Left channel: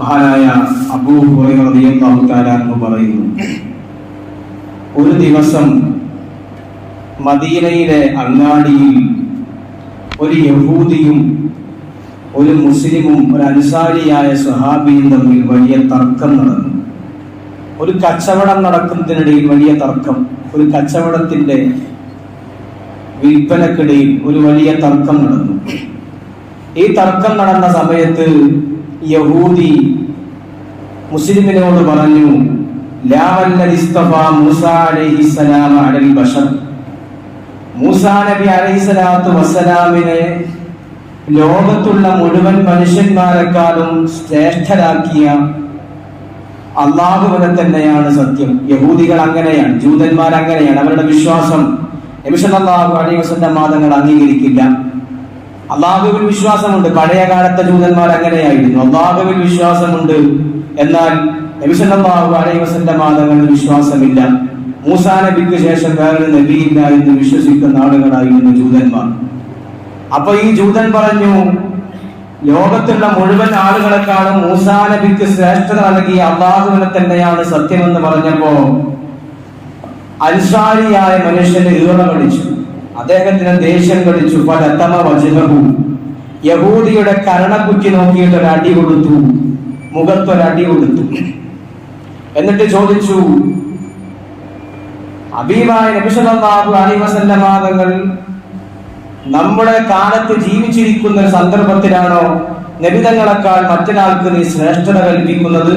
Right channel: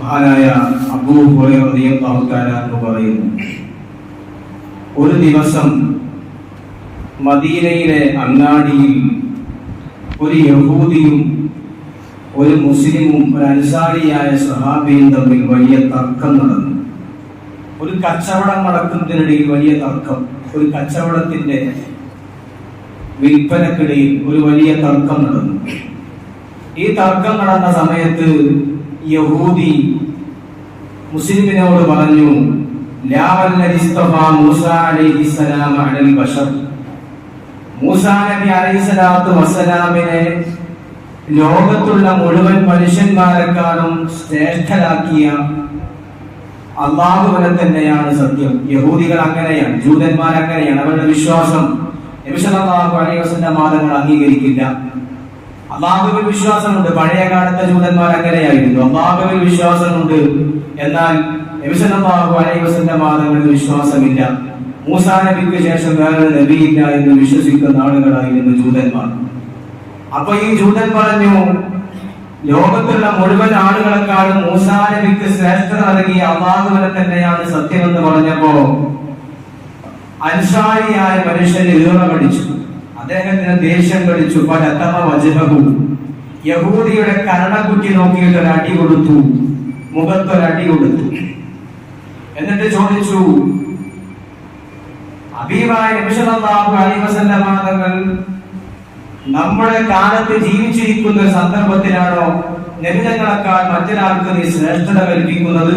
മഹാനായ അബൂ ഹുറൈറളിയല്ലാഹു പറയുന്നു ഒരു ദിവസം മദീനയിലെ അങ്ങാടിയിൽ ഒരു യഹൂദിയും ഒരു മുസ്ലിമും ഒരു അനുസാരിയായ സഹാബിയും തമ്മിൽ വലിയ തർക്കം നടന്നു. ഒരു കച്ചവടം നടക്കുന്നതിനിടയിൽ വലിയ തർക്കം ഒരു കച്ചവടത്തിന്റെ വിൽപ്പനക്കിടയിൽ ഒരു വലിയ തർക്കം നടന്നു. ഈ തർക്കം നടന്ന സമയത്ത് യഹൂദി മുസ്ലിമിനോട് പറഞ്ഞു നബി അലൈഹിസ്സലാത്തു ലോകത്തുള്ള മുഴുവൻ മനുഷ്യന്മാരെക്കാളും ശ്രേഷ്ഠരാക്കിയ അള്ളാഹുവിനെ തന്നെയാണ് സത്യം. യഹൂദികൾ അങ്ങനെയാണ് ജൂതന്മാർ അങ്ങനെയാണ്. അവരുടെ വിശ്വാസം നബിസല്ലാഹു അലൈഹി വസല്ലം അംഗീകരിക്കില്ല. അള്ളാഹുവിൽ വിശ്വാസമുണ്ട്. പഴയ കാലത്തെ ജൂതന്മാർ അങ്ങനെയായിരുന്നു. അള്ളാഹുവിൽ വിശ്വാസമുണ്ട്. എന്നാൽ നബിസല്ലാഹു അലൈവസിന്റെ മാതങ്ങളിൽ വിശ്വാസമില്ല. മൂസാ നബിക്ക് ശേഷം വേറെ നബിയില്ല എന്ന് വിശ്വസിക്കുന്ന ആളുകളായിരുന്നു ജൂതന്മാർ. അപ്പൊ ഈ ജൂതൻ പറഞ്ഞു ലോകത്തുള്ള മുഴുവൻ ആളുകളെക്കാളും മൂസാ നബിക്ക് ശ്രേഷ്ഠത നൽകിയ അള്ളാഹുവിനെ തന്നെയാണ് സത്യമെന്ന് പറഞ്ഞപ്പോ അൻസാരിയായ മനുഷ്യന് ഈറ കടിച്ചു. അദ്ദേഹത്തിന് ദേഷ്യം കളിച്ചു പലത്തമ വചനവും യഹൂദിയുടെ കരണക്കുറ്റി നോക്കിയിട്ട് ഒരു അടി കൊടുത്തു. മുഖത്തൊരടി കൊടുത്തു. എന്നിട്ട് ചോദിച്ചു അഭിമായ നബിസല്ലാഹു അലൈഹി വസല്ലമാതങ്ങൾ നമ്മുടെ കാലത്ത് ജീവിച്ചിരിക്കുന്ന സന്ദർഭത്തിലാണോ നബിതങ്ങളെക്കാൾ മറ്റൊരാൾക്ക് നീ ശ്രേഷ്ഠത കൽപ്പിക്കുന്നത്?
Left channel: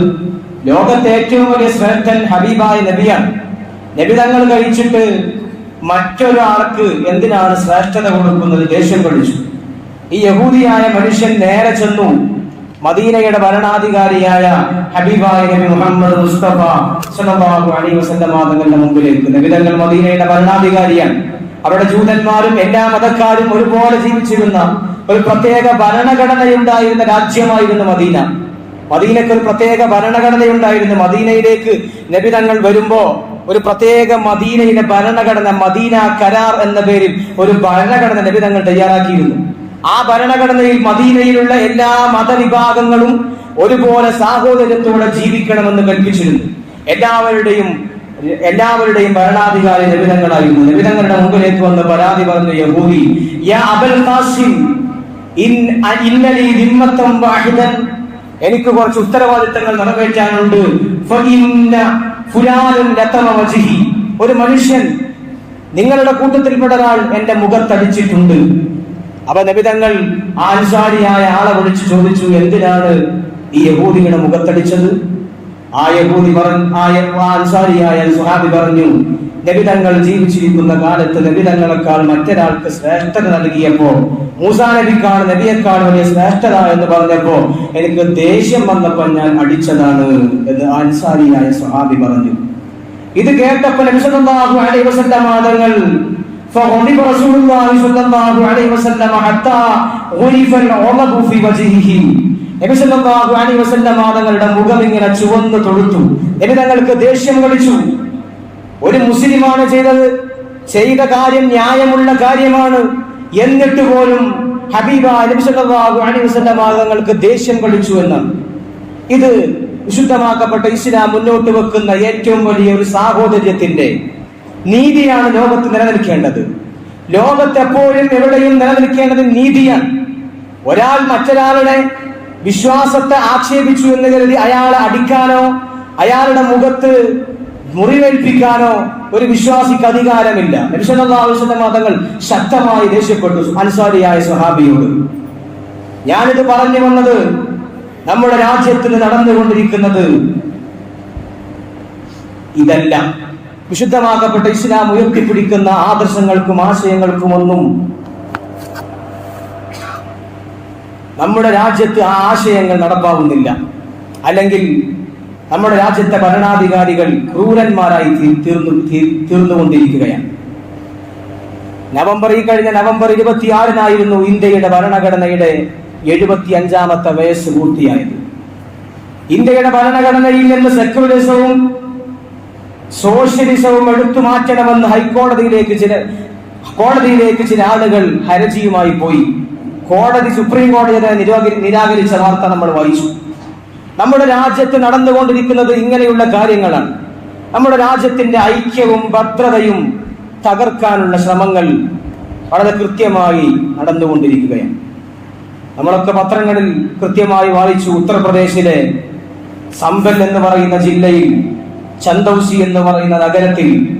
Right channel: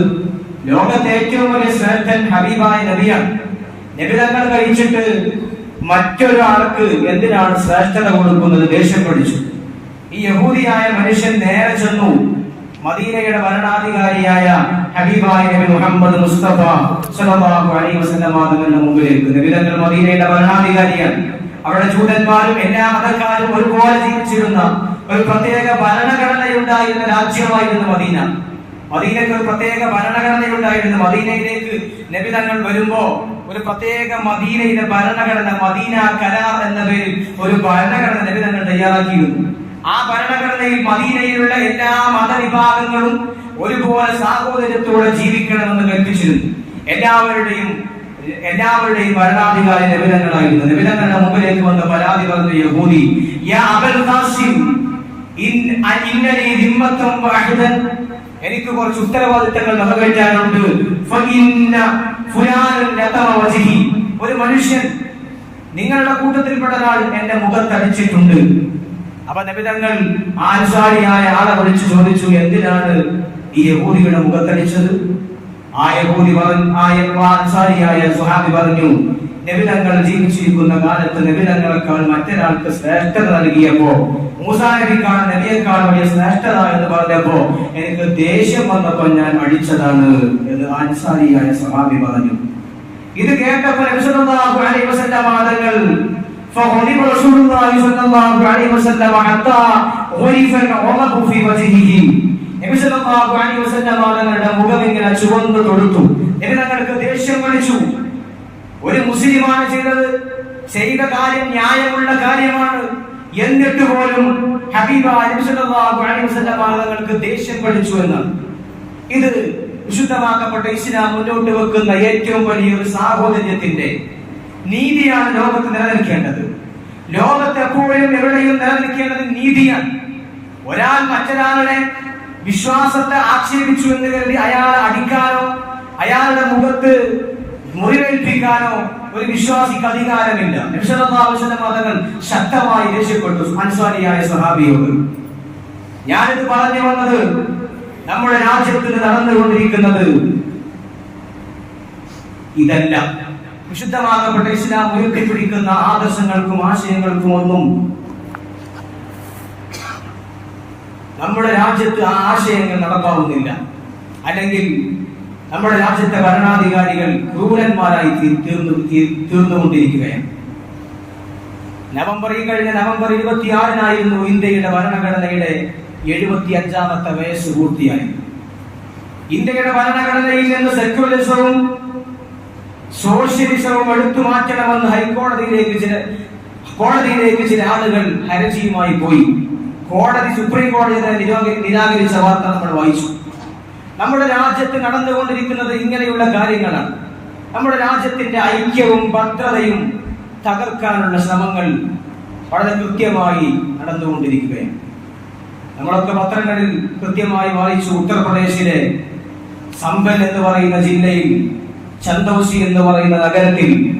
ലോകത്തെ ഏറ്റവും വലിയ ശ്രേഷ്ഠൻ ഹബീബായ നബിയാണ്. നബിതങ്ങൾ കഴിച്ചിട്ട് മറ്റൊരാൾക്ക് എന്തിനാണ് ശ്രേഷ്ഠത കൊടുക്കുന്നത്? ദേഷ്യം പഠിച്ചു ഈ യഹൂദിയായ മനുഷ്യൻ നേരെ ചെന്നു. മദീനയുടെ ഭരണാധികാരിയായ ഹബീബായ നബി മുഹമ്മദ് മുസ്തഫ സല്ലല്ലാഹു അലൈഹി വസല്ലം മുമ്പിലേക്ക്. നബിതങ്ങൾ മദീനയുടെ ഭരണാധികാരിയാണ്. അവിടെ ജൂതന്മാരും എല്ലാ മതക്കാരും ഒരുപോലെ ജീവിച്ചിരുന്ന ഒരു പ്രത്യേക ഭരണഘടനയുണ്ടായിരുന്ന രാജ്യമായിരുന്നു മദീന. മദീനക്ക് ഒരു പ്രത്യേക ഭരണഘടനയുണ്ടായിരുന്നു. മദീനയിലേക്ക് നബിതങ്ങൾ വരുമ്പോ ഒരു പ്രത്യേക മദീനയിലെ ഭരണഘടന മദീന കരാർ എന്ന പേരിൽ ഒരു ഭരണഘടന നബിതങ്ങൾ തയ്യാറാക്കിയിരുന്നു. ആ ഭരണഘടനയിൽ മദീനയിലുള്ള എല്ലാ മതവിഭാഗങ്ങളും ഒരുപോലെ സാഹോദര്യത്തോടെ ജീവിക്കണമെന്ന് കൽപ്പിച്ചിരുന്നു. എല്ലാവരുടെയും എല്ലാവരുടെയും ഭരണാധികാരി നിബിധങ്ങളായിരുന്നു നിബിധങ്ങളുടെ മുമ്പിലേക്ക് വന്ന് പരാതി പറഞ്ഞു യഹൂദി ഇന്നലി എനിക്ക് കുറച്ച് ഉത്തരവാദിത്തങ്ങൾ നിറവേറ്റാനുണ്ട് ഒരു മനുഷ്യൻ നിങ്ങളുടെ കൂട്ടത്തിൽപ്പെട്ട ഒരാൾ എന്റെ മുഖത്തടിച്ചിട്ടുണ്ട്. അപ്പൊ നബിതങ്ങൾ ആൻസാരിയായ ആളെ വിളിച്ചു ചോദിച്ചു എന്തിനാണ് ഈ യഹൂദിയുടെ മുഖത്തടിച്ചത്? ആ യഹൂദി പറഞ്ഞു ആ അൻസാരിയായ സുഹാബി പറഞ്ഞു നബിതങ്ങൾ ജീവിച്ചിരിക്കുന്ന കാലത്ത് നബിതങ്ങളെക്കാൾ മറ്റൊരാൾക്ക് ശ്രേഷ്ഠത നൽകിയപ്പോ മൂസാ നബിക്കാണ് നബിയെക്കാൾ വലിയ ശ്രേഷ്ഠത എന്ന് പറഞ്ഞപ്പോ എനിക്ക് ദേഷ്യം വന്നപ്പോൾ ഞാൻ അടിച്ചതാണ് എന്ന് ആ അൻസാരിയായ സുഹാബി പറഞ്ഞു ഇത് കേട്ടപ്പോൾ നബി സല്ലല്ലാഹു അലൈഹി വസല്ലം വാദങ്ങൾ فغضب رسول الله صلى الله عليه وسلم حتى غرف العرق في وجهه നബി സല്ലല്ലാഹു അലൈഹി വസല്ലം തങ്ങളുടെ മുഖം ഇങ്ങനെ ചുവന്ന് തൊടുത്തു നബി തങ്ങൾക്ക് ദേഷ്യം കളിച്ചു ഒരു മുസ്ലിമാണ് ചെയ്തത്. ചെയ്ത കാര്യം ന്യായമുള്ള കാര്യമാണ്. എന്നിട്ട് പോലും ഹബീബ തങ്ങൾക്ക് ദേഷ്യം കളിച്ചു എന്ന്. ഇത് വിശുദ്ധമാക്കപ്പെട്ട ഇസ്ലാം മുന്നോട്ട് വെക്കുന്ന ഏറ്റവും വലിയ ഒരു സാഹോദര്യത്തിന്റെ നീതിയാണ് ലോകത്ത് നിലനിൽക്കേണ്ടത്. ലോകത്ത് എപ്പോഴും എവിടെയും നിലനിൽക്കേണ്ടത് നീതിയാണ്. ഒരാൾ മറ്റൊരാളുടെ വിശ്വാസത്തെ ആക്ഷേപിച്ചു എന്ന് കരുതി അയാളെ അടിക്കാനോ അയാളുടെ മുഖത്ത് മുറിവേൽപ്പിക്കാനോ ഒരു വിശ്വാസിക്ക് അധികാരമില്ല. നബിസല്ലാഹുസിന്റെ മതങ്ങൾ ശക്തമായി ദേഷ്യപ്പെട്ടു. അൻസാരിയായ സ്വഹാബിയോട് ഞാനിത് പറഞ്ഞു വന്നത് നമ്മുടെ രാജ്യത്തിൽ നടന്നുകൊണ്ടിരിക്കുന്നത് ഇതല്ല. വിശുദ്ധമാക്കപ്പെട്ട ഇസ്ലാം ഉയർത്തിപ്പിടിക്കുന്ന ആദർശങ്ങൾക്കും ആശയങ്ങൾക്കും ഒന്നും നമ്മുടെ രാജ്യത്ത് ആ ആശയങ്ങൾ നടപ്പാവുന്നില്ല. അല്ലെങ്കിൽ നമ്മുടെ രാജ്യത്തെ ഭരണാധികാരികൾ ക്രൂരന്മാരായി തീർന്നു തീർന്നുകൊണ്ടിരിക്കുകയാണ്. നവംബർ ഈ കഴിഞ്ഞ നവംബർ ഇരുപത്തിയാറിനായിരുന്നു ഇന്ത്യയുടെ ഭരണഘടനയുടെ എഴുപത്തി അഞ്ചാമത്തെ വയസ്സ് പൂർത്തിയായത്. ഇന്ത്യയുടെ ഭരണഘടനയിൽ നിന്ന് സെക്യുലറിസവും സോഷ്യലിസവും എടുത്തു മാറ്റണമെന്ന് ഹൈക്കോടതിയിലേക്ക് ചില കോടതിയിലേക്ക് ചില ആളുകൾ ഹരജിയുമായി പോയി. കോടതി സുപ്രീം കോടതിയെ നിരാകരിച്ച വാർത്ത നമ്മൾ വായിച്ചു. നമ്മുടെ രാജ്യത്ത് നടന്നുകൊണ്ടിരിക്കുന്നത് ഇങ്ങനെയുള്ള കാര്യങ്ങളാണ്. നമ്മുടെ രാജ്യത്തിന്റെ ഐക്യവും ഭദ്രതയും തകർക്കാനുള്ള ശ്രമങ്ങൾ വളരെ കൃത്യമായി നടന്നുകൊണ്ടിരിക്കുകയാണ്. നമ്മളൊക്കെ പത്രങ്ങളിൽ കൃത്യമായി വായിച്ചു. ഉത്തർപ്രദേശിലെ സമ്പൽ എന്ന് പറയുന്ന ജില്ലയിൽ ചന്ദൌസി എന്ന് പറയുന്ന നഗരത്തിൽ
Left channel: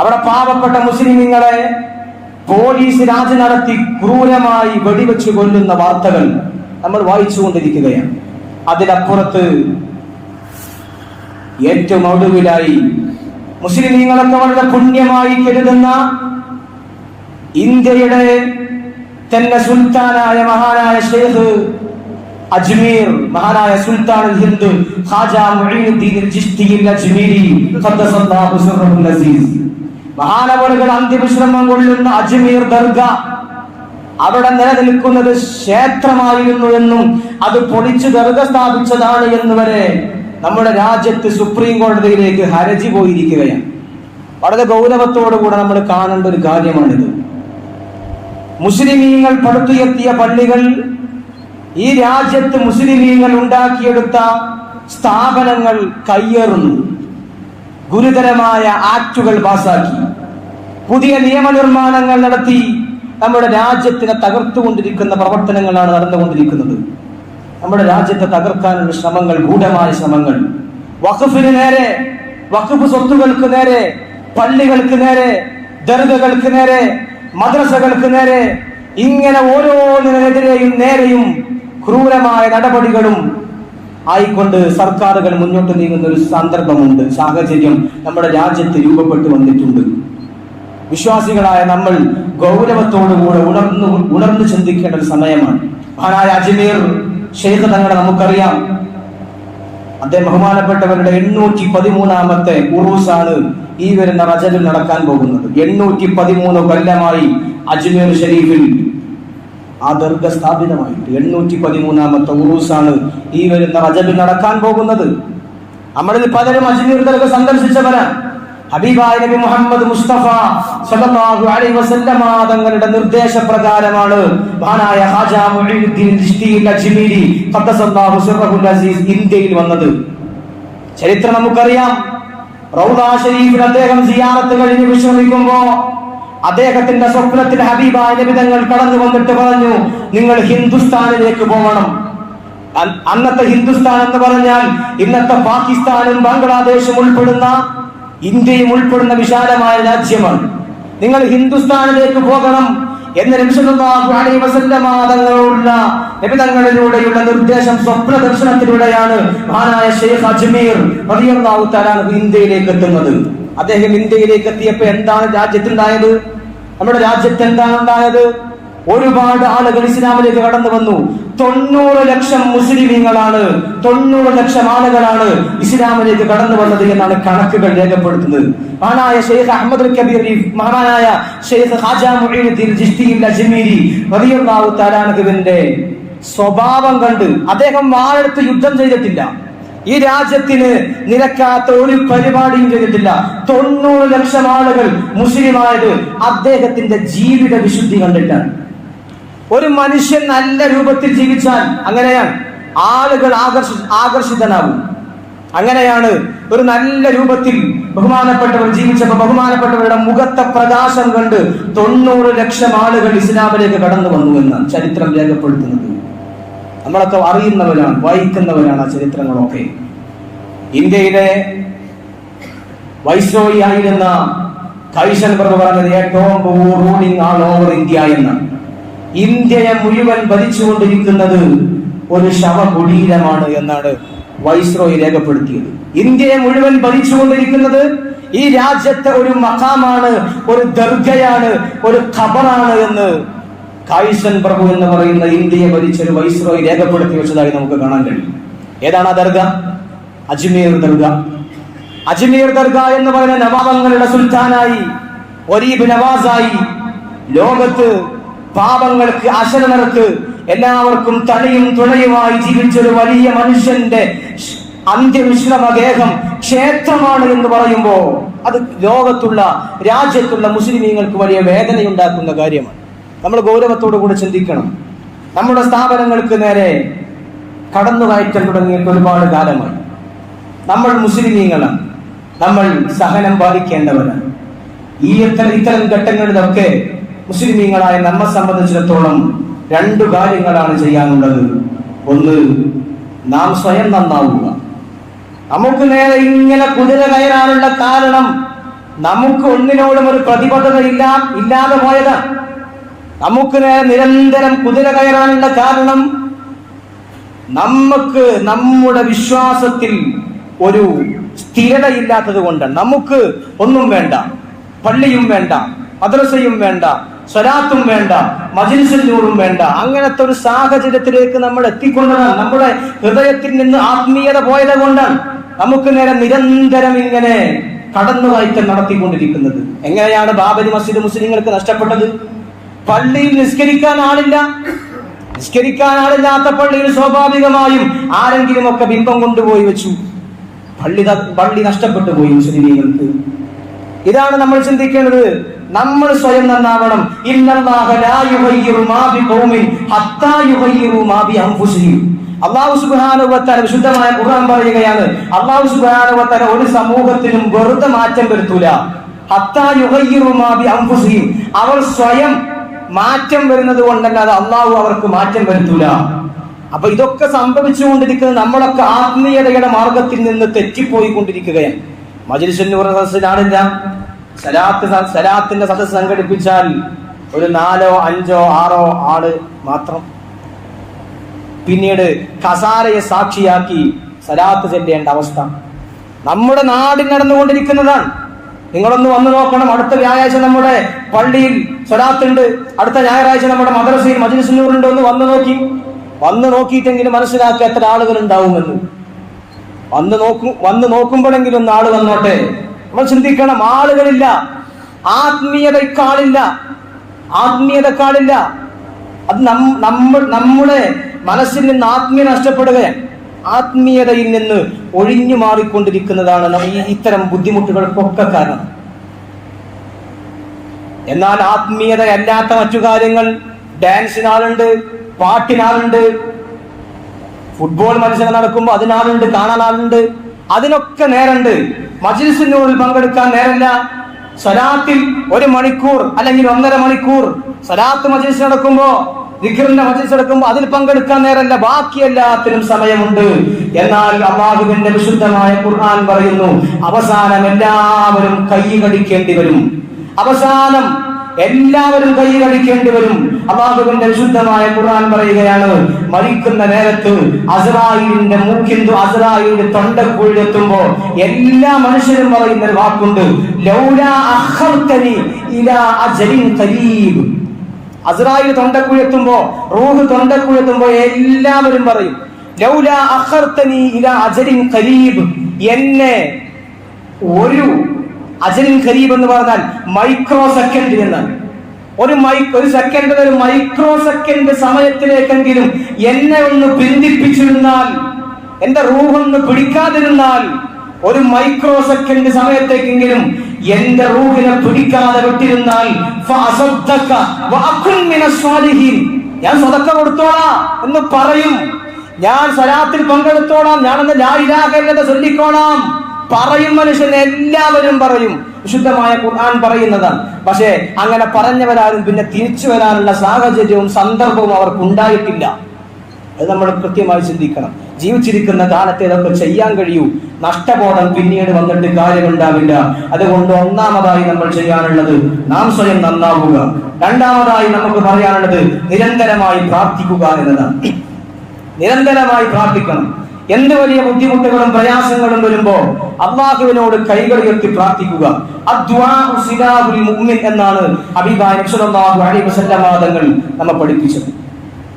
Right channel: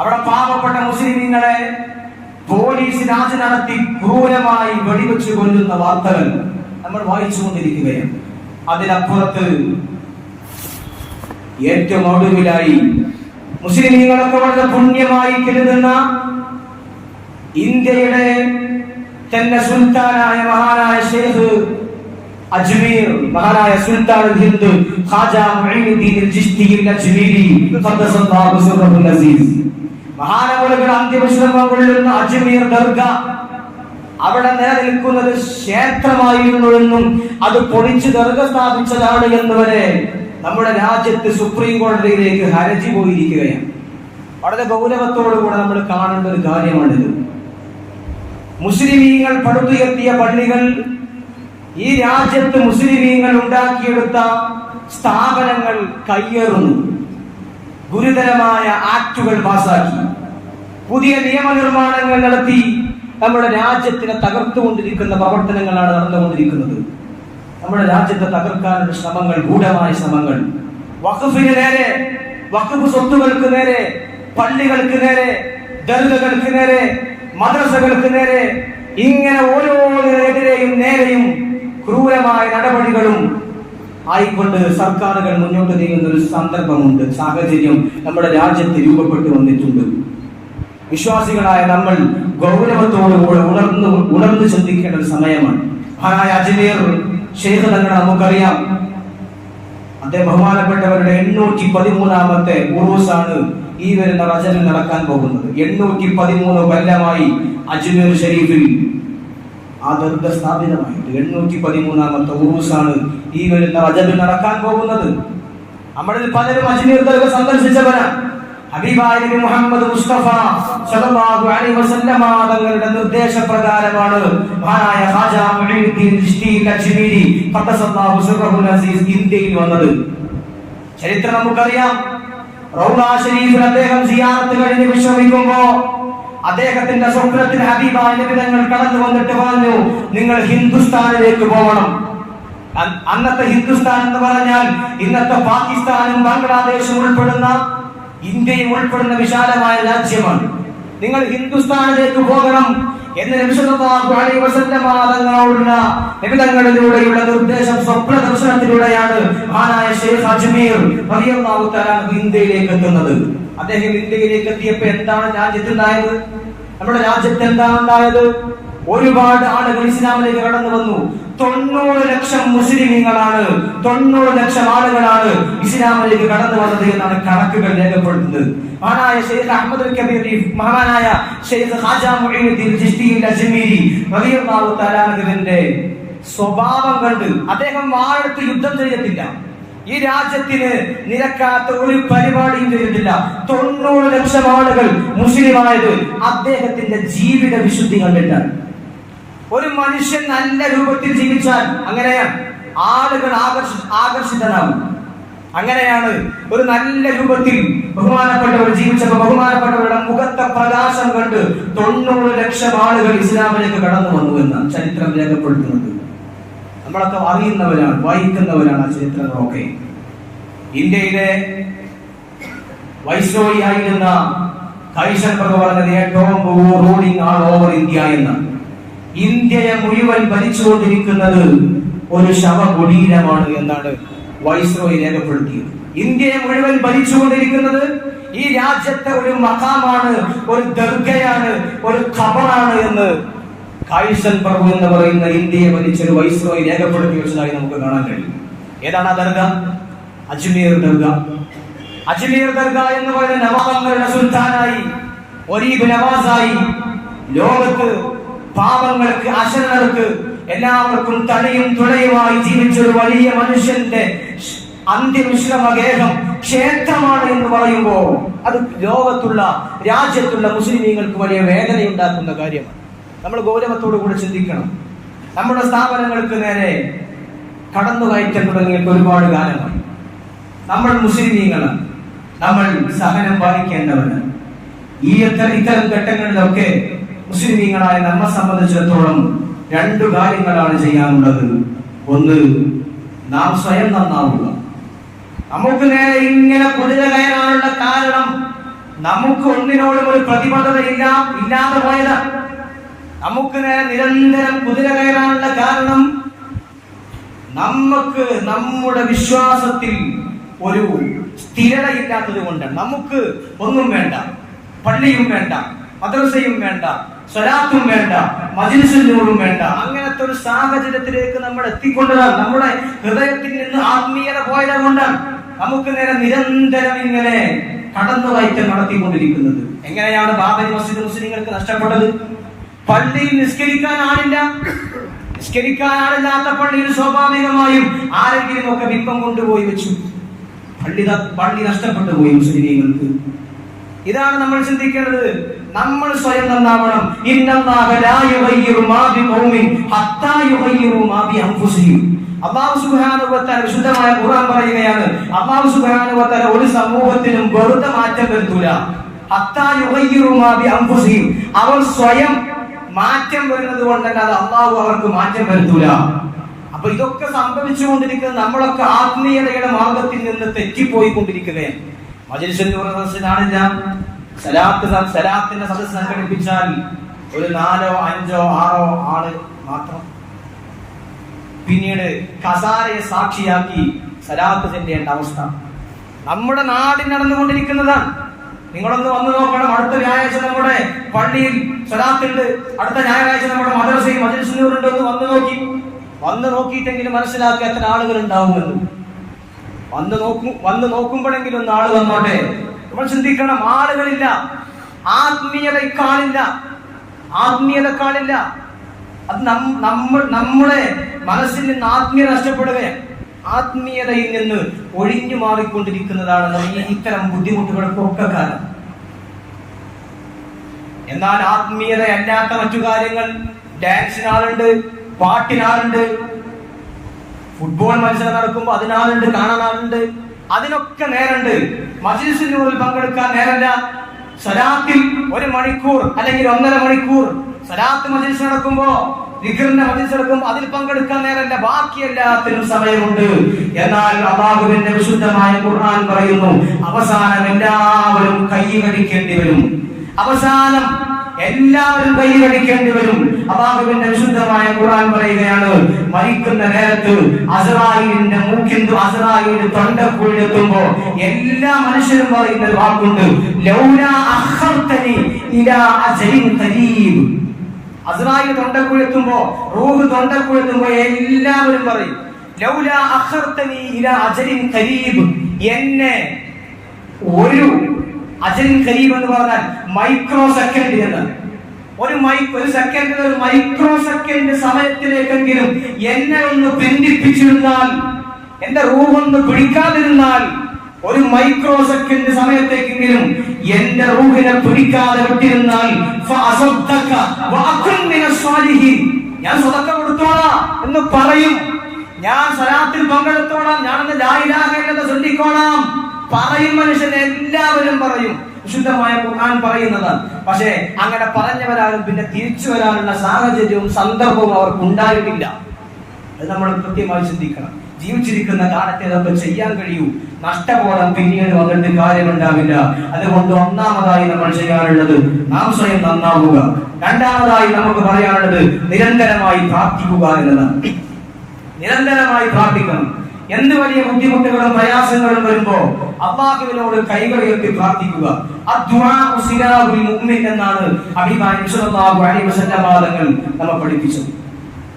അവിടെ പാവപ്പെട്ട മുസ്ലിമീങ്ങളെ പോലീസ് രാജി നടത്തി ക്രൂരമായി വെടിവെച്ച് കൊല്ലുന്ന വാർത്തകൾ നമ്മൾ വായിച്ചുകൊണ്ടിരിക്കുകയാണ്. അതിനപ്പുറത്ത് ഏറ്റവും ഒടുവിലായി മുസ്ലിമീങ്ങളൊക്കെ വളരെ പുണ്യമായി കരുതുന്ന ഇന്ത്യയുടെ തന്നെ സുൽത്താനായ മഹാനായ ഷെയ്ഖ് അജ്മീർ മഹാനായ സുൽത്താൻ ഹിന്ദ് ഖാജ മുഈനുദ്ദീൻ അജ്മീരി ഖദ്ദസല്ലാഹു അന്ത്യവിശ്രമം കൊള്ളുന്ന അജ്മീർ ദർഗ അവിടെ നിലനിൽക്കുന്നത് ക്ഷേത്രമായിരുന്നു എന്നും അത് പൊളിച്ചു ദർഗ സ്ഥാപിച്ചതാണ് എന്ന് വരെ നമ്മുടെ രാജ്യത്ത് സുപ്രീം കോടതിയിലേക്ക് ഹരജി പോയിരിക്കുകയാണ്. വളരെ ഗൗരവത്തോടുകൂടെ നമ്മൾ കാണേണ്ട ഒരു കാര്യമാണിത്. മുസ്ലിമീങ്ങൾ പടുത്തുയർത്തിയ പള്ളികൾ ഈ രാജ്യത്ത് മുസ്ലിമീങ്ങൾ ഉണ്ടാക്കിയെടുത്ത സ്ഥാപനങ്ങൾ കയ്യേറുന്നു. ഗുരുതരമായ ആക്ടുകൾ പാസാക്കി. പുതിയ നിയമനിർമ്മാണങ്ങൾ നടത്തി. നമ്മുടെ രാജ്യത്തിനെ തകർത്തുകൊണ്ടിരിക്കുന്ന പ്രവർത്തനങ്ങളാണ് നടന്നുകൊണ്ടിരിക്കുന്നത്. നമ്മുടെ രാജ്യത്തെ തകർക്കാനുള്ള ശ്രമങ്ങൾ ഗൂഢമായ ശ്രമങ്ങൾ. വഖഫിന് നേരെ വഖഫ് സ്വത്തുകൾക്ക് നേരെ പള്ളികൾക്ക് നേരെ ദർഗകൾക്ക് നേരെ മദ്രസകൾക്ക് നേരെ ഇങ്ങനെ ഓരോന്നിനെതിരെയും നേരെയും ക്രൂരമായ നടപടികളും ആയിക്കൊണ്ട് സർക്കാരുകൾ മുന്നോട്ട് നീങ്ങുന്ന ഒരു സന്ദർഭമുണ്ട് സാഹചര്യം നമ്മുടെ രാജ്യത്ത് രൂപപ്പെട്ടു വന്നിട്ടുണ്ട്. വിശ്വാസികളായ നമ്മൾ ഗൗരവത്തോടുകൂടെ ഉണർന്നു ഉണർന്നു ചിന്തിക്കേണ്ട ഒരു സമയമാണ്. മഹാനായ അജ്മീർ ഷെയ്ഖ് തങ്ങളെ നമുക്കറിയാം. അദ്ദേഹം ബഹുമാനപ്പെട്ടവരുടെ എണ്ണൂറ്റി പതിമൂന്നാമത്തെ ഉറൂസാണ് ഈ വരുന്ന റജലിൽ നടക്കാൻ പോകുന്നത്. എണ്ണൂറ്റി പതിമൂന്ന് കൊല്ലമായി അജ്മീർ ഷരീഫിൽ ആ ദർഗ സ്ഥാപിതമായിട്ട് എണ്ണൂറ്റി പതിമൂന്നാമത്തെ ഉറൂസാണ് ഈ വരുന്ന റജബിൽ നടക്കാൻ പോകുന്നത്. നമ്മളിൽ പലരും അജ്മീർ ദർഗ സന്ദർശിച്ചവരാണ്. ഹബീബായ മുഹമ്മദ് മുസ്തഫ സല്ലല്ലാഹു അലൈഹി വസല്ലമ തങ്ങളുടെ നിർദ്ദേശപ്രകാരമാണ്. മഹാനായ ഖാജ മുഈനുദ്ദീൻ ചിശ്തി അജ്മീരി ഖദ്ദസല്ലാഹു സിർറഹുൽ അസീസ് ഇന്ത്യയിൽ വന്നത്. ചരിത്രം നമുക്കറിയാം. റൗദ ഷരീഫിൽ അദ്ദേഹം സിയാറത്ത് കഴിഞ്ഞ് വിശ്രമിക്കുമ്പോ അദ്ദേഹത്തിന്റെ സ്വപ്നത്തിൽ ഹബീബായ നബി തങ്ങൾ കടന്നു വന്നിട്ട് പറഞ്ഞു നിങ്ങൾ ഹിന്ദുസ്ഥാനിലേക്ക് പോകണം. അന്നത്തെ ഹിന്ദുസ്ഥാൻ എന്ന് പറഞ്ഞാൽ ഇന്നത്തെ പാകിസ്ഥാനും ബംഗ്ലാദേശും ഉൾപ്പെടുന്ന ഇന്ത്യയും ഉൾപ്പെടുന്ന വിശാലമായ രാജ്യമാണ്. നിങ്ങൾ ഹിന്ദുസ്ഥാനിലേക്ക് പോകണം എന്ന തങ്ങളോടുള്ള നബിതങ്ങളിലൂടെയുള്ള നിർദ്ദേശം സ്വപ്ന ദർശനത്തിലൂടെയാണ് മഹാനായ ഷെയ്ഖ് അജ്മീർ ഇന്ത്യയിലേക്ക് എത്തുന്നത്. അദ്ദേഹം ഇന്ത്യയിലേക്ക് എത്തിയപ്പോ എന്താണ് രാജ്യത്തുണ്ടായത്? നമ്മുടെ രാജ്യത്ത് എന്താണ് ഉണ്ടായത്? ഒരുപാട് ആളുകൾ ഇസ്ലാമിലേക്ക് കടന്നു വന്നു. തൊണ്ണൂറ് ലക്ഷം മുസ്ലിമീങ്ങളാണ് തൊണ്ണൂറ് ലക്ഷം ആളുകളാണ് ഇസ്ലാമിലേക്ക് കടന്നു വന്നത് എന്നാണ് കണക്കുകൾ രേഖപ്പെടുത്തുന്നത്. മഹാനായ ഷെയ്ഖ് അഹമ്മദ് കബീർ മഹാനായ ഷെയ്ഖ് ഹാജാ അൻഹുവിന്റെ സ്വഭാവം കണ്ട് അദ്ദേഹം ആഴത്ത് യുദ്ധം ചെയ്തിട്ടില്ല. ഈ രാജ്യത്തിന് നിരക്കാത്ത ഒരു പരിപാടിയും ചെയ്തിട്ടില്ല. തൊണ്ണൂറ് ലക്ഷം ആളുകൾ മുസ്ലിമായത് അദ്ദേഹത്തിന്റെ ജീവിത വിശുദ്ധി കണ്ടിട്ടാണ്. ഒരു മനുഷ്യൻ നല്ല രൂപത്തിൽ ജീവിച്ചാൽ അങ്ങനെയാണ്. ആളുകൾ ആകർഷി ആകർഷിതനാകും. അങ്ങനെയാണ് ഒരു നല്ല രൂപത്തിൽ ബഹുമാനപ്പെട്ടവർ ജീവിച്ചപ്പോൾ ബഹുമാനപ്പെട്ടവരുടെ മുഖത്തെ പ്രകാശം കണ്ട് തൊണ്ണൂറ് ലക്ഷം ആളുകൾ ഇസ്ലാമിലേക്ക് കടന്നു വന്നു എന്നാണ് ചരിത്രം രേഖപ്പെടുത്തുന്നത്. നമ്മളൊക്കെ അറിയുന്നവരാണ് വായിക്കുന്നവരാണ് ആ ചരിത്രങ്ങളൊക്കെ. ഇന്ത്യയിലെ വൈസ്രോയി ആയിരുന്ന കൈശൻ പ്രഭു പറഞ്ഞത് ഏറ്റവും റൂളിംഗ് ആൾ ഓവർ ഇന്ത്യ എന്ന് ഇന്ത്യയെ മുഴുവൻ ഭരിച്ചുകൊണ്ടിരിക്കുന്നത് ഒരു ശവകുടീരമാണ് എന്നാണ് വൈസ്രോയി രേഖപ്പെടുത്തിയത്. ഇന്ത്യയെ മുഴുവൻ ഭരിച്ചുകൊണ്ടിരിക്കുന്നത് ഈ രാജ്യത്തെ ഒരു മഹാമാണ് ഒരു ദർഗയാണ് ഒരു ഖബറാണ് എന്ന് കായിസൻ പ്രഭു എന്ന് പറയുന്ന ഇന്ത്യയെ ഭരിച്ച ഒരു വൈസ്രോയി രേഖപ്പെടുത്തി വെച്ചതായി നമുക്ക് കാണാൻ കഴിയും. ഏതാണ് ആ ദർഗ? അജ്മീർ ദർഗ. അജ്മീർ ദർഗ എന്ന് പറയുന്ന നവാബങ്ങളുടെ സുൽത്താനായി ഒരീബ് നവാസായി ലോകത്ത് പാപങ്ങൾക്ക് അശരണർക്ക് എല്ലാവർക്കും തണിയും തുണയുമായി ജീവിച്ച ഒരു വലിയ മനുഷ്യന്റെ ഷ്- അന്ത്യവിശ്രമ ഗേഹം ക്ഷേത്രമാണ് എന്ന് പറയുമ്പോൾ അത് ലോകത്തുള്ള രാജ്യത്തുള്ള മുസ്ലിമീങ്ങൾക്ക് വലിയ വേദനയുണ്ടാക്കുന്ന കാര്യമാണ്. നമ്മൾ ഗൗരവത്തോടു കൂടെ ചിന്തിക്കണം. നമ്മുടെ സ്ഥാപനങ്ങൾക്ക് നേരെ കടന്നു കയറ്റം തുടങ്ങിയിട്ട് ഒരുപാട് കാലമായി. നമ്മൾ മുസ്ലിമീങ്ങളാണ് നമ്മൾ സഹനം പാലിക്കേണ്ടവരാണ്. ഈ ഇത്തരം ഇത്തരം ഘട്ടങ്ങളിലൊക്കെ മുസ്ലിമീങ്ങളായ നമ്മെ സംബന്ധിച്ചിടത്തോളം രണ്ടു കാര്യങ്ങളാണ് ചെയ്യാനുള്ളത്. ഒന്ന് നാം സ്വയം നന്നാവുക. നമുക്ക് നേരെ ഇങ്ങനെ കുതിര കയറാനുള്ള കാരണം നമുക്ക് ഒന്നിനോടും ഒരു പ്രതിബദ്ധത ഇല്ല ഇല്ലാതെ പോയത്. നമുക്ക് നേരെ നിരന്തരം കുതിര കയറാനുള്ള കാരണം നമുക്ക് നമ്മുടെ വിശ്വാസത്തിൽ ഒരു സ്ഥിരത ഇല്ലാത്തത് കൊണ്ട് നമുക്ക് ഒന്നും വേണ്ട പള്ളിയും വേണ്ട മദ്രസയും വേണ്ട സ്വലാത്തും വേണ്ട മജിൽസുന്നൂറും വേണ്ട. അങ്ങനത്തെ ഒരു സാഹചര്യത്തിലേക്ക് നമ്മൾ എത്തിക്കൊണ്ടതാണ് നമ്മുടെ ഹൃദയത്തിൽ നിന്ന് ആത്മീയത പോയത് കൊണ്ടാണ് നമുക്ക് നേരെ നിരന്തരം ഇങ്ങനെ കടന്നു വായിക്കാൻ നടത്തിക്കൊണ്ടിരിക്കുന്നത്. എങ്ങനെയാണ് ബാബരി മസ്ജിദ് മുസ്ലിങ്ങൾക്ക് നഷ്ടപ്പെട്ടത്? പള്ളിയിൽ നിസ്കരിക്കാൻ ആളില്ല. നിസ്കരിക്കാൻ ആളില്ലാത്ത പള്ളിയിൽ സ്വാഭാവികമായും ആരെങ്കിലും ഒക്കെ ബിംബം കൊണ്ടുപോയി വെച്ചു. പള്ളി പള്ളി നഷ്ടപ്പെട്ടു പോയി മുസ്ലിമീങ്ങൾക്ക് ഇതാണ് നമ്മൾ ചിന്തിക്കേണ്ടത്. നമ്മൾ സ്വയം നന്നാവണം. വ തആല വിശുദ്ധമായ ഖുർആൻ പറയുകയാണ്. വ തആല ഒരു സമൂഹത്തിനും വെറുതെ മാറ്റം വരുത്തൂല. അവർ സ്വയം മാറ്റം വരുന്നത് കൊണ്ടല്ലാതെ അള്ളാഹു അവർക്ക് മാറ്റം വരുത്തൂല. അപ്പൊ ഇതൊക്കെ സംഭവിച്ചുകൊണ്ടിരിക്കുന്നത് നമ്മളൊക്കെ ആത്മീയതയുടെ മാർഗത്തിൽ നിന്ന് തെറ്റിപ്പോയി തെറ്റിപ്പോയിക്കൊണ്ടിരിക്കുകയാണ് പറഞ്ഞ സദസ്സിനാണില്ല സലാത്ത് സലാത്തിന്റെ സദസ് സംഘടിപ്പിച്ചാൽ ഒരു നാലോ അഞ്ചോ ആറോ ആൾ മാത്രം. പിന്നീട് കസാരയെ സാക്ഷിയാക്കി സലാത്ത് ചെല്ലേണ്ട അവസ്ഥ. നമ്മുടെ നാടിൽ നടന്നുകൊണ്ടിരിക്കുന്നതാണ്. നിങ്ങളൊന്ന് വന്നു നോക്കണം. അടുത്ത വ്യാഴാഴ്ച നമ്മുടെ പള്ളിയിൽ സ്വലാത്തുണ്ട് അടുത്ത ഞായറാഴ്ച നമ്മുടെ മദ്രസയിൽ മജിൽസുന്നൂറുണ്ട് ഒന്ന് വന്നു നോക്കി. വന്ന് നോക്കിയിട്ടെങ്കിലും മനസ്സിലാക്കി എത്ര ആളുകൾ ഉണ്ടാവുമെന്ന്. വന്ന് നോക്കും വന്ന് നോക്കുമ്പോഴെങ്കിലും ഒന്ന് ആൾ വന്നോട്ടെ. നമ്മൾ ചിന്തിക്കണം ആളുകളില്ല. ആത്മീയതക്കാളില്ല ആത്മീയതക്കാളില്ല. അത് നമ്മൾ നമ്മുടെ മനസ്സിൽ നിന്ന് ആത്മീയ നഷ്ടപ്പെടുകയാണ് ആത്മീയതയിൽ നിന്ന് ഒഴിഞ്ഞു മാറിക്കൊണ്ടിരിക്കുന്നതാണ് ഈ ഇത്തരം ബുദ്ധിമുട്ടുകൾക്കൊക്കെ കാരണം. എന്നാൽ ആത്മീയത ആത്മീയതയല്ലാത്ത മറ്റു കാര്യങ്ങൾ ഡാൻസിനാളുണ്ട് പാട്ടിനാളുണ്ട് ഫുട്ബോൾ മത്സരം നടക്കുമ്പോൾ അതിനാളുണ്ട് കാണാനാളുണ്ട് അതിനൊക്കെ നേരണ്ട് മജിൽസിനുള്ളിൽ പങ്കെടുക്കാൻ നേരല്ല. സ്വലാത്തിൽ ഒരു മണിക്കൂർ അല്ലെങ്കിൽ ഒന്നര മണിക്കൂർ സ്വലാത്ത് മജിൽസ് നടക്കുമ്പോ ദിഖറിന്റെ മജിൽസ് നടക്കുമ്പോ അതിൽ പങ്കെടുക്കാൻ നേരല്ല. ബാക്കി എല്ലാത്തിനും സമയമുണ്ട്. എന്നാൽ അള്ളാഹുവിന്റെ വിശുദ്ധനായ ഖുർആൻ പറയുന്നു അവസാനം എല്ലാവരും കൈ കടിക്കേണ്ടി വരും. അവസാനം എല്ലാവരും കൈയടിക്കേണ്ടി വരും. അള്ളാഹുവിന്റെ വിശുദ്ധമായ ഖുർആൻ പറയുകയാണ് മരിക്കുന്ന നേരത്ത് അസറായിലിന്റെ മൂക്കിന്തു അസറായിലിന്റെ തൊണ്ടക്കുഴിയെത്തുമ്പോ എല്ലാ മനുഷ്യരും പറയുന്ന ഒരു വാക്കുണ്ട്. ലൗലാ അഖർതനി ഇലാ റൂഹ് ഖരീബ് എത്തുമ്പോ എല്ലാവരും പറയും ലൗലാ അഖർതനി ഇലാ അജരിൻ ഖരീബ് എന്നെ ഒരു അജലിൻ ഖരീബ് എന്ന് പറഞ്ഞാൽ മൈക്രോ സെക്കൻഡ് എന്നാണ്. ഒരു മൈ ഒരു സെക്കൻഡ് ഒരു മൈക്രോ സെക്കൻഡ് സമയത്തിലേക്കെങ്കിലും എന്നെ ഒന്ന് ബന്ധിപ്പിച്ചിരുന്നാൽ എന്റെ റൂഹൊന്ന് പിടിക്കാതിരുന്നാൽ ഒരു മൈക്രോ സെക്കൻഡ് സമയത്തേക്കെങ്കിലും എന്റെ റൂഹിനെ പിടിക്കാതെ വിട്ടിരുന്നാൽ. ഞാൻ സ്വതക്ക കൊടുത്തോളാം എന്ന് പറയും. ഞാൻ സലാത്തിൽ പങ്കെടുത്തോളാം. ഞാനൊന്ന് ലായിലാകേണ്ടത് ചൊല്ലിക്കോളാം. പറയും മനുഷ്യൻ എല്ലാവരും പറയും. വിശുദ്ധമായ ഖുർആൻ പറയുന്നതാണ്. പക്ഷേ അങ്ങനെ പറഞ്ഞവരാരും പിന്നെ തിരിച്ചു വരാനുള്ള സാഹചര്യവും സന്ദർഭവും അവർക്ക് ഉണ്ടായിട്ടില്ല. അത് നമ്മൾ കൃത്യമായി ചിന്തിക്കണം. ജീവിച്ചിരിക്കുന്ന കാലത്തെ നമുക്ക് ചെയ്യാൻ കഴിയൂ. നഷ്ടബോധം പിന്നീട് വന്നിട്ട് കാര്യമുണ്ടാവില്ല. അതുകൊണ്ട് ഒന്നാമതായി നമ്മൾ ചെയ്യാനുള്ളത് നാം സ്വയം നന്നാവുക. രണ്ടാമതായി നമുക്ക് പറയാനുള്ളത് നിരന്തരമായി പ്രാർത്ഥിക്കുക എന്നതാണ്. നിരന്തരമായി പ്രാർത്ഥിക്കണം. എന്ത് വലിയ ബുദ്ധിമുട്ടുകളും പ്രയാസങ്ങളും വരുമ്പോ അള്ളാഹുവിനോട് കൈകൾ ഉയർത്തി പ്രാർത്ഥിക്കുക. എന്നാണ് വാദങ്ങൾ നമ്മെ പഠിപ്പിച്ചത്.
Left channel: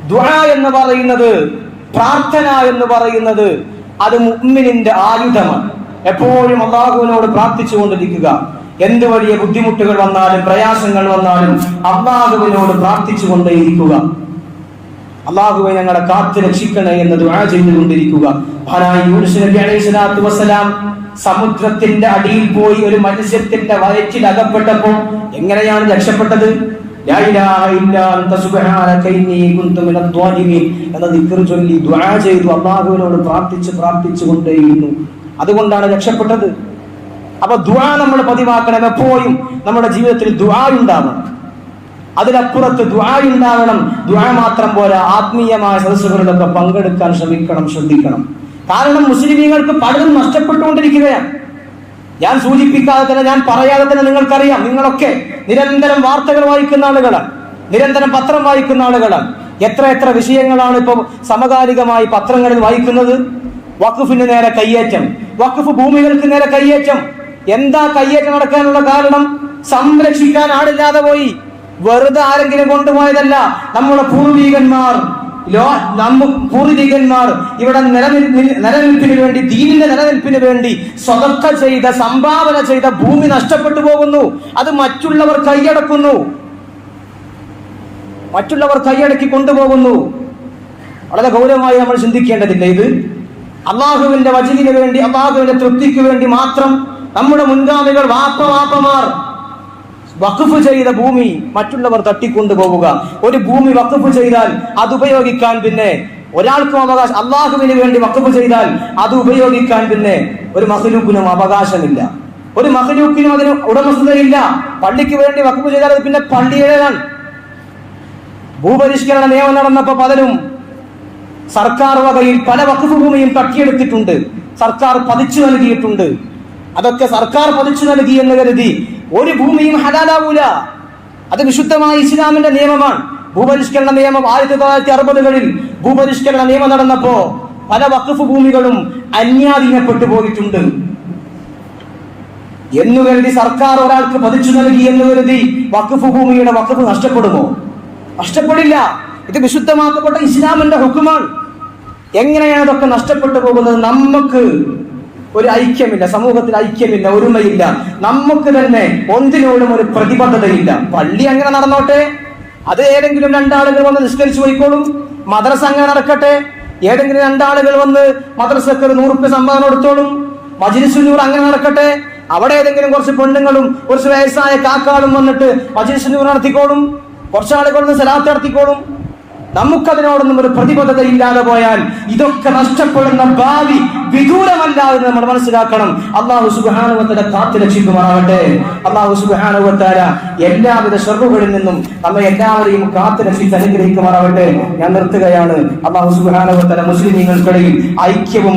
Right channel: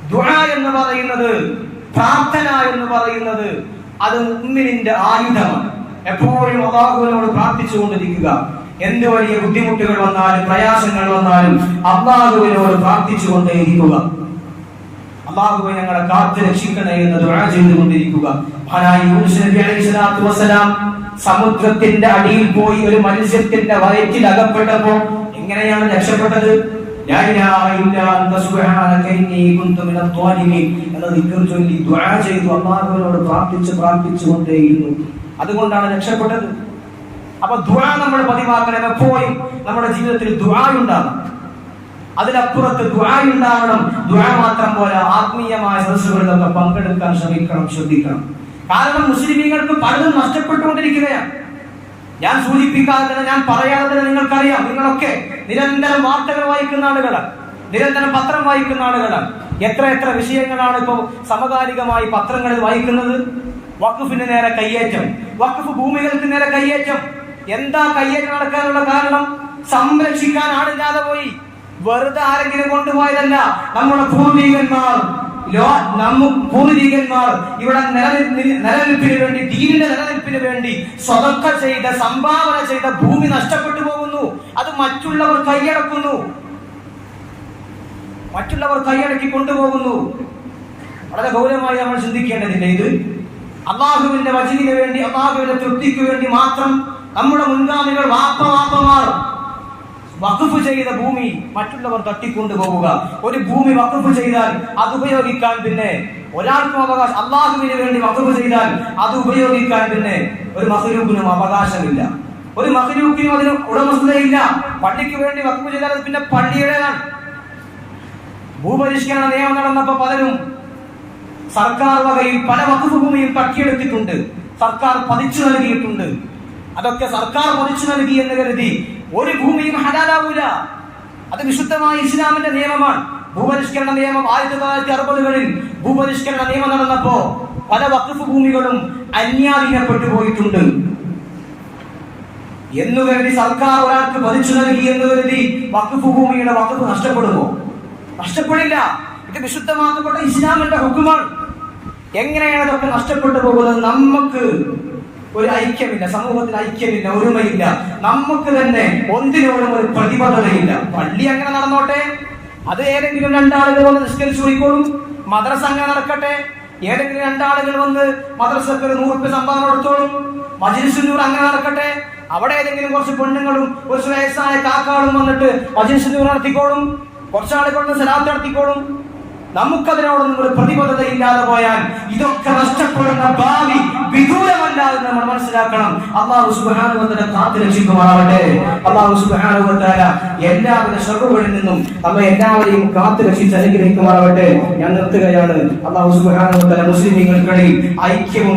ദ്വാ എന്ന് പറയുന്നത് പ്രാർത്ഥന എന്ന് പറയുന്നത് അത് മുഅ്മിനിന്റെ ആയുധമാണ്. എപ്പോഴും അള്ളാഹുവിനോട് പ്രാർത്ഥിച്ചുകൊണ്ടിരിക്കുക. എന്ത് വലിയ ബുദ്ധിമുട്ടുകൾ വന്നാലും പ്രയാസങ്ങൾ വന്നാലും അള്ളാഹുവിനോട് പ്രാർത്ഥിച്ചുകൊണ്ടേയിരിക്കുക. അള്ളാഹുവെ ഞങ്ങളെ കാത്തു രക്ഷിക്കണേ എന്ന് ദുആ ചെയ്തുകൊണ്ടിരിക്കുക. മഹാനായ യൂനുസ് നബി സമുദ്രത്തിന്റെ അടിയിൽ പോയി ഒരു മത്സ്യത്തിന്റെ വയറ്റിൽ അകപ്പെട്ടപ്പോ എങ്ങനെയാണ് രക്ഷപ്പെട്ടത്? എന്ന ദിക്ർ ചൊല്ലി ദുആ ചെയ്തു അല്ലാഹുവിനോട് പ്രാർത്ഥിച്ച് പ്രാർത്ഥിച്ചു കൊണ്ടേയിരുന്നു. അതുകൊണ്ടാണ് രക്ഷപ്പെട്ടത്. അപ്പൊ ദുആ നമ്മൾ പതിവാക്കണം എപ്പോഴും. നമ്മുടെ ജീവിതത്തിൽ ദുആ ഉണ്ടാവണം. അതിനപ്പുറത്ത് ദുആ ദ്വാ മാത്രം പോലെ ആത്മീയമായ സദസ്സുകളിലൊക്കെ പങ്കെടുക്കാൻ ശ്രമിക്കണം ശ്രദ്ധിക്കണം. കാരണം മുസ്ലിമീങ്ങൾക്ക് പലതും നഷ്ടപ്പെട്ടുകൊണ്ടിരിക്കുകയാണ്. ഞാൻ സൂചിപ്പിക്കാതെ തന്നെ ഞാൻ പറയാതെ തന്നെ നിങ്ങൾക്കറിയാം. നിങ്ങളൊക്കെ നിരന്തരം വാർത്തകൾ വായിക്കുന്ന ആളുകളാണ്. നിരന്തരം പത്രം വായിക്കുന്ന ആളുകളാണ്. എത്ര എത്ര വിഷയങ്ങളാണ് ഇപ്പൊ സമകാലികമായി പത്രങ്ങളിൽ വായിക്കുന്നത്? വഖഫിന് നേരെ കയ്യേറ്റം. വഖഫ് ഭൂമികൾക്ക് നേരെ കയ്യേറ്റം. എന്താ കയ്യേറ്റം നടക്കാനുള്ള കാരണം? സംരക്ഷിക്കാൻ ആളില്ലാതെ പോയി. വെറുതെ ആരെങ്കിലും കൊണ്ടുപോയതല്ല നമ്മുടെ പൂർവീകന്മാർ. പൂർവികന്മാർ ഇവിടെ നിലനിൽ- നിലനിൽപ്പിന് വേണ്ടി ദീനിന്റെ നിലനിൽപ്പിന് വേണ്ടി സ്വതക്ക ചെയ്ത സംഭാവന ചെയ്ത ഭൂമി നഷ്ടപ്പെട്ടു പോകുന്നു. അത് മറ്റുള്ളവർ കൈയടക്കുന്നു. മറ്റുള്ളവർ കൈയടക്കി കൊണ്ടുപോകുന്നു. വളരെ ഗൗരവമായി നമ്മൾ ചിന്തിക്കേണ്ടതില്ല ഇത്. അള്ളാഹുവിന്റെ വചനിന് വേണ്ടി അള്ളാഹുവിന്റെ തൃപ്തിക്ക് വേണ്ടി മാത്രം നമ്മുടെ മുൻഗാമികൾ വാപ്പ വാപ്പമാർ വഖഫ് ചെയ്ത ഭൂമി മറ്റുള്ളവർ തട്ടിക്കൊണ്ടുപോവുക ഒരു ഭൂമി വഖഫ് ചെയ്താൽ അത് ഉപയോഗിക്കാൻ പിന്നെ ഒരാൾക്കും അവകാശം അള്ളാഹുവിന് വേണ്ടി വഖഫ് ചെയ്താൽ അത് ഉപയോഗിക്കാൻ പിന്നെ ഒരു മഹലൂക്കിനും അവകാശമില്ല. ഒരു മഹലൂക്കിനും അതിന് ഉടമസ്ഥതയില്ല. പള്ളിക്ക് വേണ്ടി വഖഫ് ചെയ്താൽ അത് പിന്നെ പള്ളിയുടേതാണ്. ഭൂപരിഷ്കരണ നിയമം നടന്നപ്പോ പലരും സർക്കാർ വകയിൽ പല വഖഫ് ഭൂമിയും തട്ടിയെടുത്തിട്ടുണ്ട്. സർക്കാർ പതിച്ചു നൽകിയിട്ടുണ്ട്. അതൊക്കെ സർക്കാർ പതിച്ചു നൽകി എന്ന് കരുതി ഒരു ഭൂമിയും ഹലാലാവൂല. അത് വിശുദ്ധമായ ഇസ്ലാമിന്റെ നിയമമാണ്. ഭൂപരിഷ്കരണ നിയമം ആയിരത്തി തൊള്ളായിരത്തി അറുപതുകളിൽ ഭൂപരിഷ്കരണ നിയമം നടന്നപ്പോ പല വഖഫ് ഭൂമികളും അന്യാധീനപ്പെട്ടു പോയിട്ടുണ്ട്. എന്ന് കരുതി സർക്കാർ ഒരാൾക്ക് പതിച്ചു നൽകി എന്ന് കരുതി വഖഫ് ഭൂമിയുടെ വഖഫ് നഷ്ടപ്പെടുമോ? നഷ്ടപ്പെടില്ല. ഇത് വിശുദ്ധമാക്കപ്പെട്ട ഇസ്ലാമിന്റെ ഹുക്കുമാണ്. എങ്ങനെയാണ് ഇതൊക്കെ നഷ്ടപ്പെട്ടു പോകുന്നത്? നമുക്ക് ഒരു ഐക്യമില്ല സമൂഹത്തിൽ ഐക്യമില്ല ഒരുമയില്ല. നമുക്ക് തന്നെ ഒന്നിനോടും ഒരു പ്രതിബദ്ധതയില്ല. പള്ളി അങ്ങനെ നടന്നോട്ടെ? അത് ഏതെങ്കിലും രണ്ടാളുകൾ വന്ന് നിഷ്കരിച്ചു പോയിക്കോളും? മദ്രസ അങ്ങനെ നടക്കട്ടെ? ഏതെങ്കിലും രണ്ടാളുകൾ വന്ന് മദ്രസക്ക് ഒരു നൂറുപ്യ സംഭാവന കൊടുത്തോളും? മജിലിസുന്നൂർ അങ്ങനെ നടക്കട്ടെ? അവിടെ ഏതെങ്കിലും കുറച്ച് പെണ്ണുങ്ങളും കുറച്ച് വയസ്സായ കാക്കാളും വന്നിട്ട് മജിലിസുന്നൂർ നടത്തിക്കോളും? കുറച്ചാളുകൾ സലാത്ത് നടത്തിക്കോളും? നമുക്കതിനോടൊന്നും ഒരു പ്രതിബദ്ധത ഇല്ലാതെ പോയാൽ ഇതൊക്കെ നഷ്ടപ്പെടുന്ന ഭാവി വിദൂരമല്ലാതെ നമ്മൾ മനസ്സിലാക്കണം. അള്ളാഹു സുബാനുവത്തല കാത്തു രക്ഷിക്കുമാറാവട്ടെ അള്ളാഹു സുബാനുവത്താര എല്ലാവിധ ഷെറുകളിൽ നിന്നും നമ്മെ എല്ലാവരെയും കാത്തു രക്ഷിച്ച് അനുഗ്രഹിക്കുമാറാവട്ടെ ഞാൻ നിർത്തുകയാണ്. അള്ളാഹു മുസ്ലിം നിങ്ങൾക്കിടയിൽ ഐക്യവും